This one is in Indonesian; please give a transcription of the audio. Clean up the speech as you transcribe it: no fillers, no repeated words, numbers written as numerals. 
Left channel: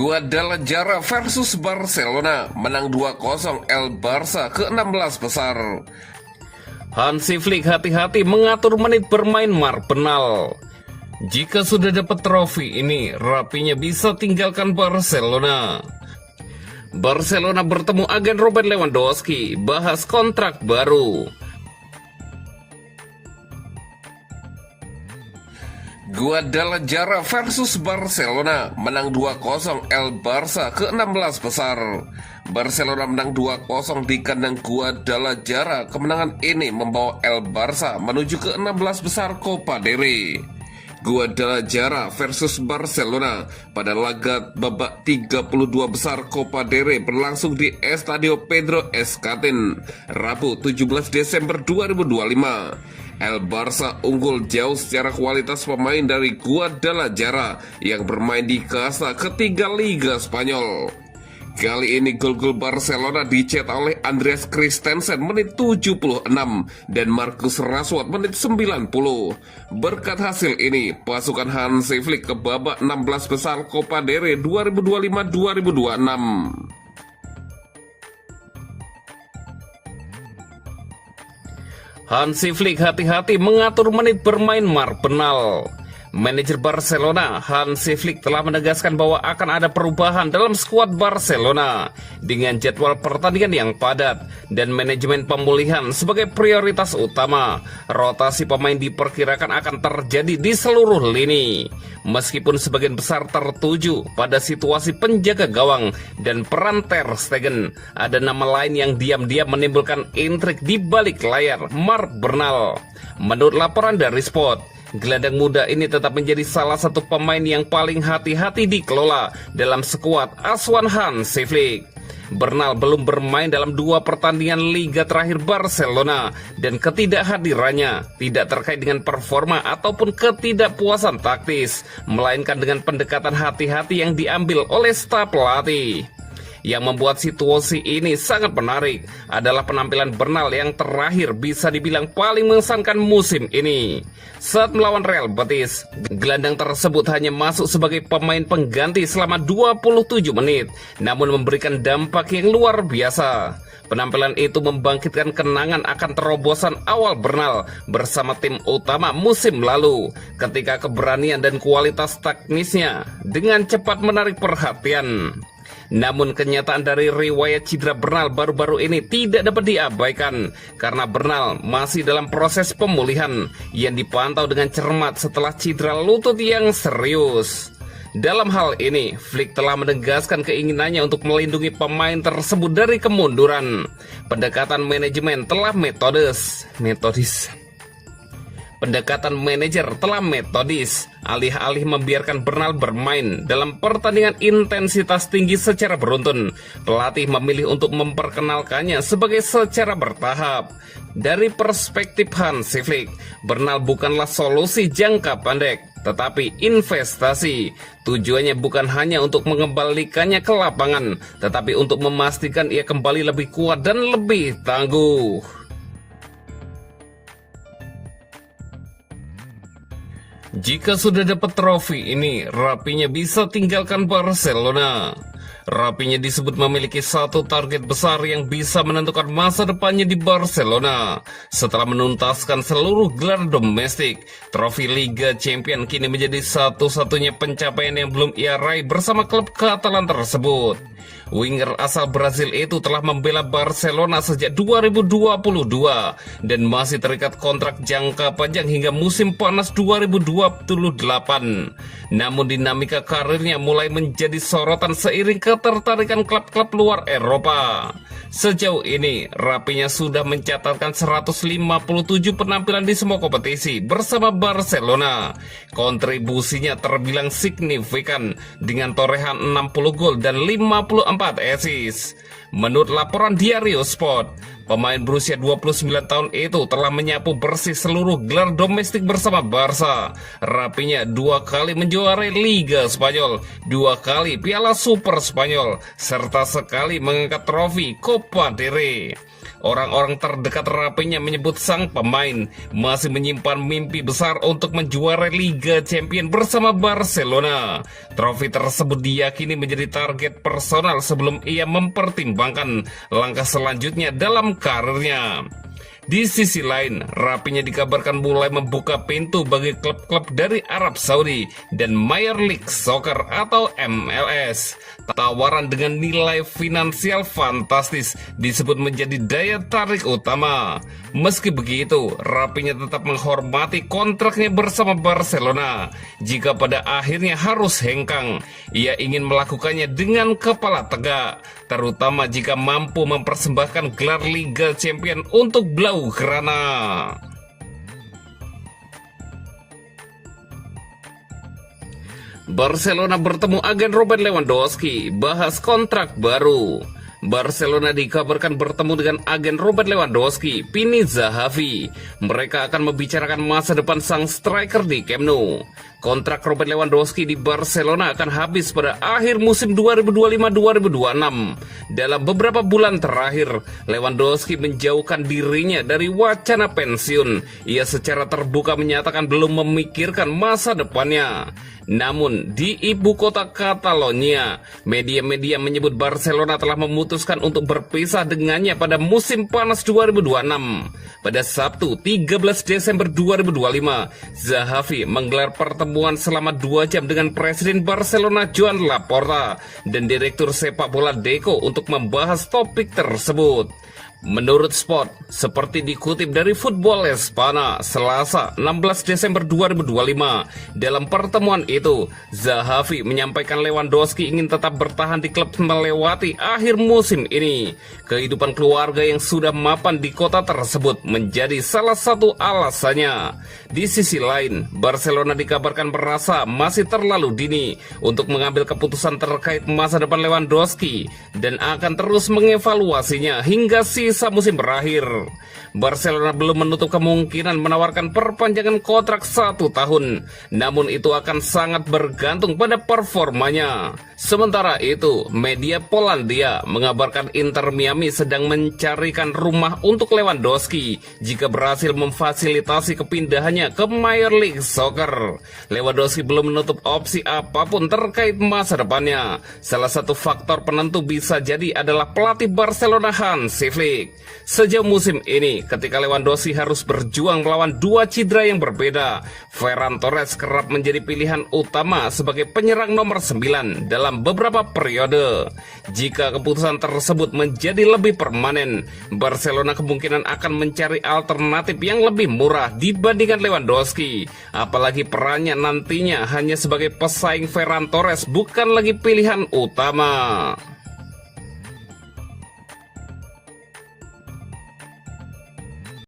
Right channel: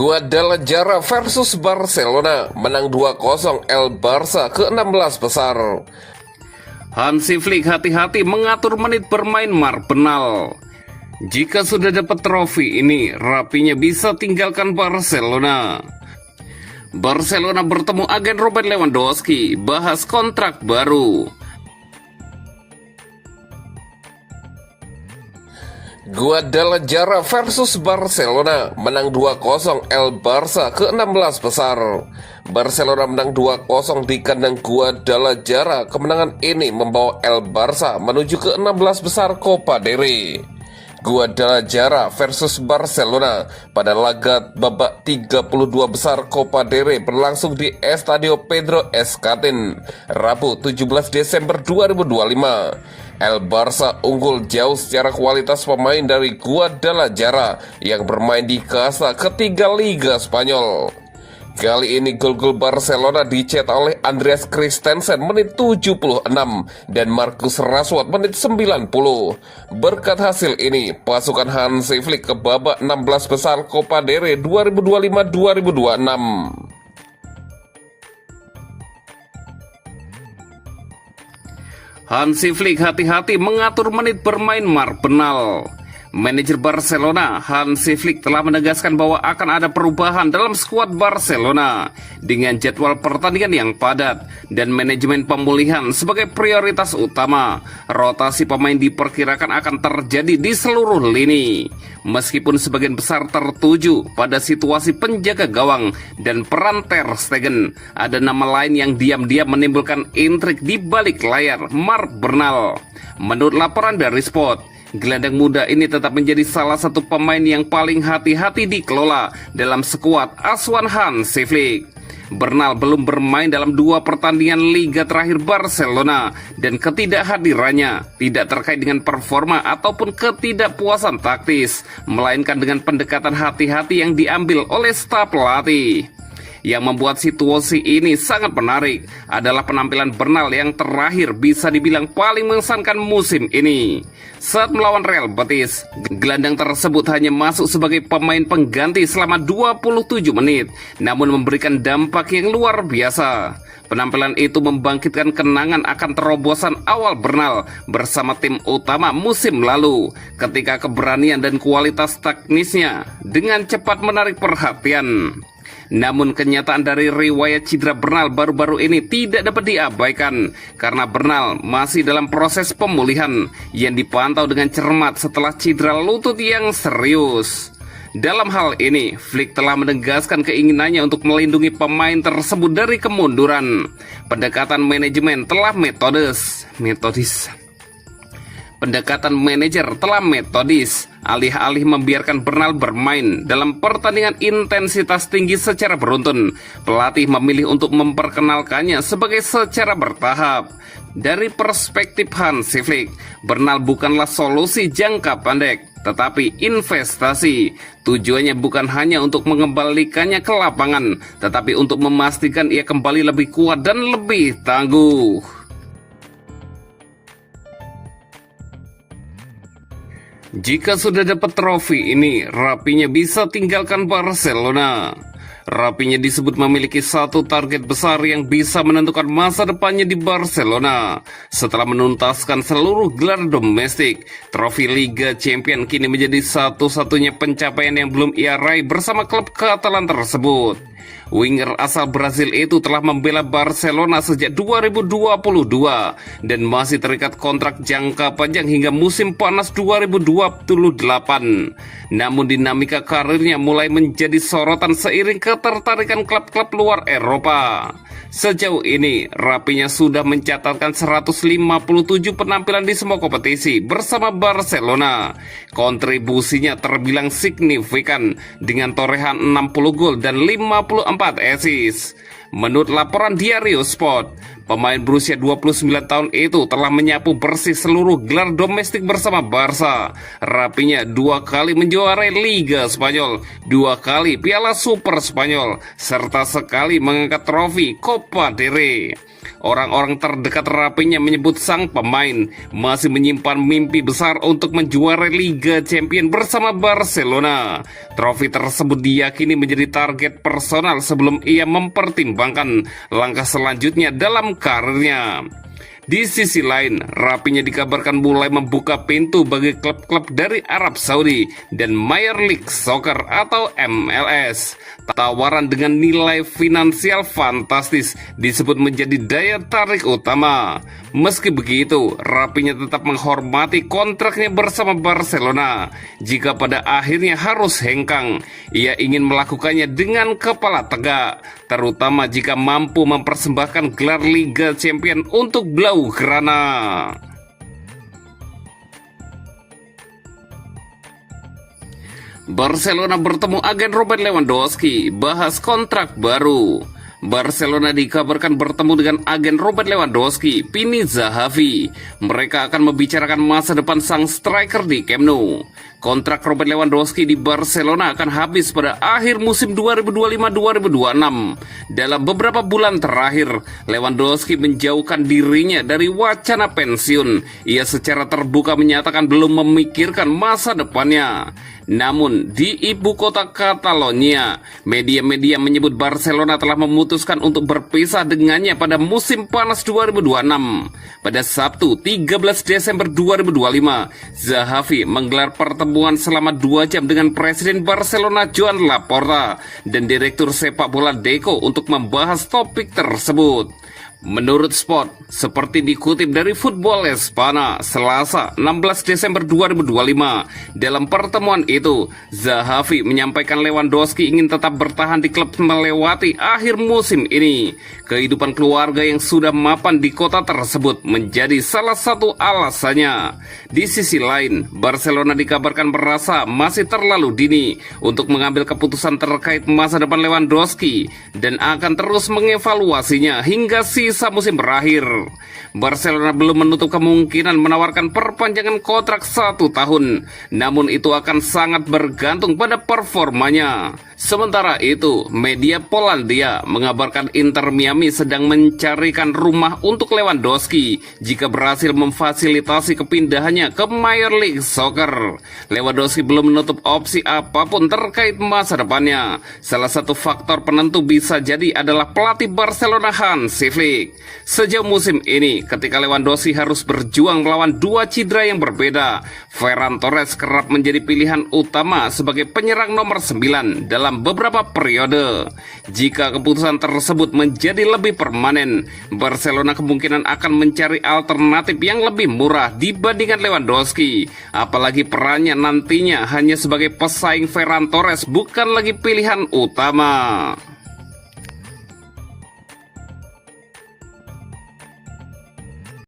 Guadalajara versus Barcelona, menang 2-0 El Barça ke-16 besar. Hansi Flick hati-hati mengatur menit bermain Marpenal. Jika sudah dapat trofi ini, rapinya bisa tinggalkan Barcelona. Barcelona bertemu agen Robert Lewandowski, bahas kontrak baru. Guadalajara versus Barcelona, menang 2-0 El Barça ke-16 besar. Barcelona menang 2-0 di kandang Guadalajara. Kemenangan ini membawa El Barça menuju ke-16 besar Copa del Rey. Guadalajara versus Barcelona pada laga babak 32 besar Copa del Rey berlangsung di Estadio Pedro Escatin, Rabu 17 Desember 2025. El Barça unggul jauh secara kualitas pemain dari Guadalajara yang bermain di kasta ketiga Liga Spanyol. Kali ini gol-gol Barcelona dicetak oleh Andreas Christensen menit 76 dan Marcus Rashford menit 90. Berkat hasil ini, pasukan Hansi Flick ke babak 16 besar Copa del Rey 2025-2026. Hansi Flick hati-hati mengatur menit bermain Marpenal. Manajer Barcelona, Hansi Flick telah menegaskan bahwa akan ada perubahan dalam skuad Barcelona dengan jadwal pertandingan yang padat dan manajemen pemulihan sebagai prioritas utama. Rotasi pemain diperkirakan akan terjadi di seluruh lini. Meskipun sebagian besar tertuju pada situasi penjaga gawang dan peran Ter Stegen, ada nama lain yang diam-diam menimbulkan intrik di balik layar, Marc Bernal. Menurut laporan dari Sport, gelandang muda ini tetap menjadi salah satu pemain yang paling hati-hati dikelola dalam skuad asuhan Hansi Flick. Bernal belum bermain dalam 2 pertandingan Liga terakhir Barcelona dan ketidakhadirannya tidak terkait dengan performa ataupun ketidakpuasan taktis, melainkan dengan pendekatan hati-hati yang diambil oleh staf pelatih. Yang membuat situasi ini sangat menarik adalah penampilan Bernal yang terakhir bisa dibilang paling mengesankan musim ini. Saat melawan Real Betis, gelandang tersebut hanya masuk sebagai pemain pengganti selama 27 menit, namun memberikan dampak yang luar biasa. Penampilan itu membangkitkan kenangan akan terobosan awal Bernal bersama tim utama musim lalu, ketika keberanian dan kualitas teknisnya dengan cepat menarik perhatian. Namun kenyataan dari riwayat cedera Bernal baru-baru ini tidak dapat diabaikan, karena Bernal masih dalam proses pemulihan yang dipantau dengan cermat setelah cedera lutut yang serius. Dalam hal ini, Flick telah menegaskan keinginannya untuk melindungi pemain tersebut dari kemunduran. Pendekatan manajemen telah metodis. Pendekatan manajer telah metodis, alih-alih membiarkan Bernal bermain dalam pertandingan intensitas tinggi secara beruntun. Pelatih memilih untuk memperkenalkannya sebagai secara bertahap. Dari perspektif Hansi Flick, Bernal bukanlah solusi jangka pendek, tetapi investasi. Tujuannya bukan hanya untuk mengembalikannya ke lapangan, tetapi untuk memastikan ia kembali lebih kuat dan lebih tangguh. Jika sudah dapat trofi ini, rapinya bisa tinggalkan Barcelona. Rapinya disebut memiliki satu target besar yang bisa menentukan masa depannya di Barcelona. Setelah menuntaskan seluruh gelar domestik, trofi Liga Champions kini menjadi satu-satunya pencapaian yang belum ia raih bersama klub Katalan tersebut. Winger asal Brazil itu telah membela Barcelona sejak 2022 dan masih terikat kontrak jangka panjang hingga musim panas 2028. Namun dinamika karirnya mulai menjadi sorotan seiring ketertarikan klub-klub luar Eropa. Sejauh ini, rapinya sudah mencatatkan 157 penampilan di semua kompetisi bersama Barcelona. Kontribusinya terbilang signifikan dengan torehan 60 gol dan 54 assist. Menurut laporan Diario Sport, pemain berusia 29 tahun itu telah menyapu bersih seluruh gelar domestik bersama Barca. Rapinya 2 kali menjuarai Liga Spanyol, 2 kali Piala Super Spanyol, serta sekali mengangkat trofi Copa del Rey. Orang-orang terdekat Rapinya menyebut sang pemain masih menyimpan mimpi besar untuk menjuarai Liga Champions bersama Barcelona. Trofi tersebut diyakini menjadi target personal sebelum ia mempertimbangkan langkah selanjutnya dalam karirnya. Di sisi lain, Rapinya dikabarkan mulai membuka pintu bagi klub-klub dari Arab Saudi dan Major League Soccer atau MLS. Tawaran dengan nilai finansial fantastis disebut menjadi daya tarik utama. Meski begitu, Rapinya tetap menghormati kontraknya bersama Barcelona. Jika pada akhirnya harus hengkang, ia ingin melakukannya dengan kepala tegak, terutama jika mampu mempersembahkan gelar Liga Champions untuk Blaugrana. Barcelona bertemu agen Robert Lewandowski, bahas kontrak baru. Barcelona dikabarkan bertemu dengan agen Robert Lewandowski, Pini Zahavi. Mereka akan membicarakan masa depan sang striker di Camp Nou. Kontrak Robert Lewandowski di Barcelona akan habis pada akhir musim 2025-2026. Dalam beberapa bulan terakhir, Lewandowski menjauhkan dirinya dari wacana pensiun. Ia secara terbuka menyatakan belum memikirkan masa depannya. Namun, di ibu kota Catalonia, media-media menyebut Barcelona telah memutuskan untuk berpisah dengannya pada musim panas 2026. Pada Sabtu, 13 Desember 2025, Zahavi menggelar pertemuan selama 2 jam dengan Presiden Barcelona Joan Laporta dan Direktur Sepak Bola Deco untuk membahas topik tersebut. Menurut Sport, seperti dikutip dari Football Espana, Selasa 16 Desember 2025, dalam pertemuan itu, Zahavi menyampaikan Lewandowski ingin tetap bertahan di klub melewati akhir musim ini. Kehidupan keluarga yang sudah mapan di kota tersebut menjadi salah satu alasannya. Di sisi lain, Barcelona dikabarkan merasa masih terlalu dini untuk mengambil keputusan terkait masa depan Lewandowski dan akan terus mengevaluasinya hingga sisa musim berakhir. Barcelona belum menutup kemungkinan menawarkan perpanjangan kontrak 1 tahun, namun itu akan sangat bergantung pada performanya. Sementara itu, media Polandia mengabarkan Inter Miami sedang mencarikan rumah untuk Lewandowski jika berhasil memfasilitasi kepindahannya ke Major League Soccer. Lewandowski belum menutup opsi apapun terkait masa depannya. Salah satu faktor penentu bisa jadi adalah pelatih Barcelona Hansi Flick. Sejauh musim ini, ketika Lewandowski harus berjuang melawan 2 cedera yang berbeda, Ferran Torres kerap menjadi pilihan utama sebagai penyerang nomor 9 dalam beberapa periode. Jika keputusan tersebut menjadi lebih permanen, Barcelona kemungkinan akan mencari alternatif yang lebih murah dibandingkan Lewandowski. Apalagi perannya nantinya hanya sebagai pesaing Ferran Torres, bukan lagi pilihan utama.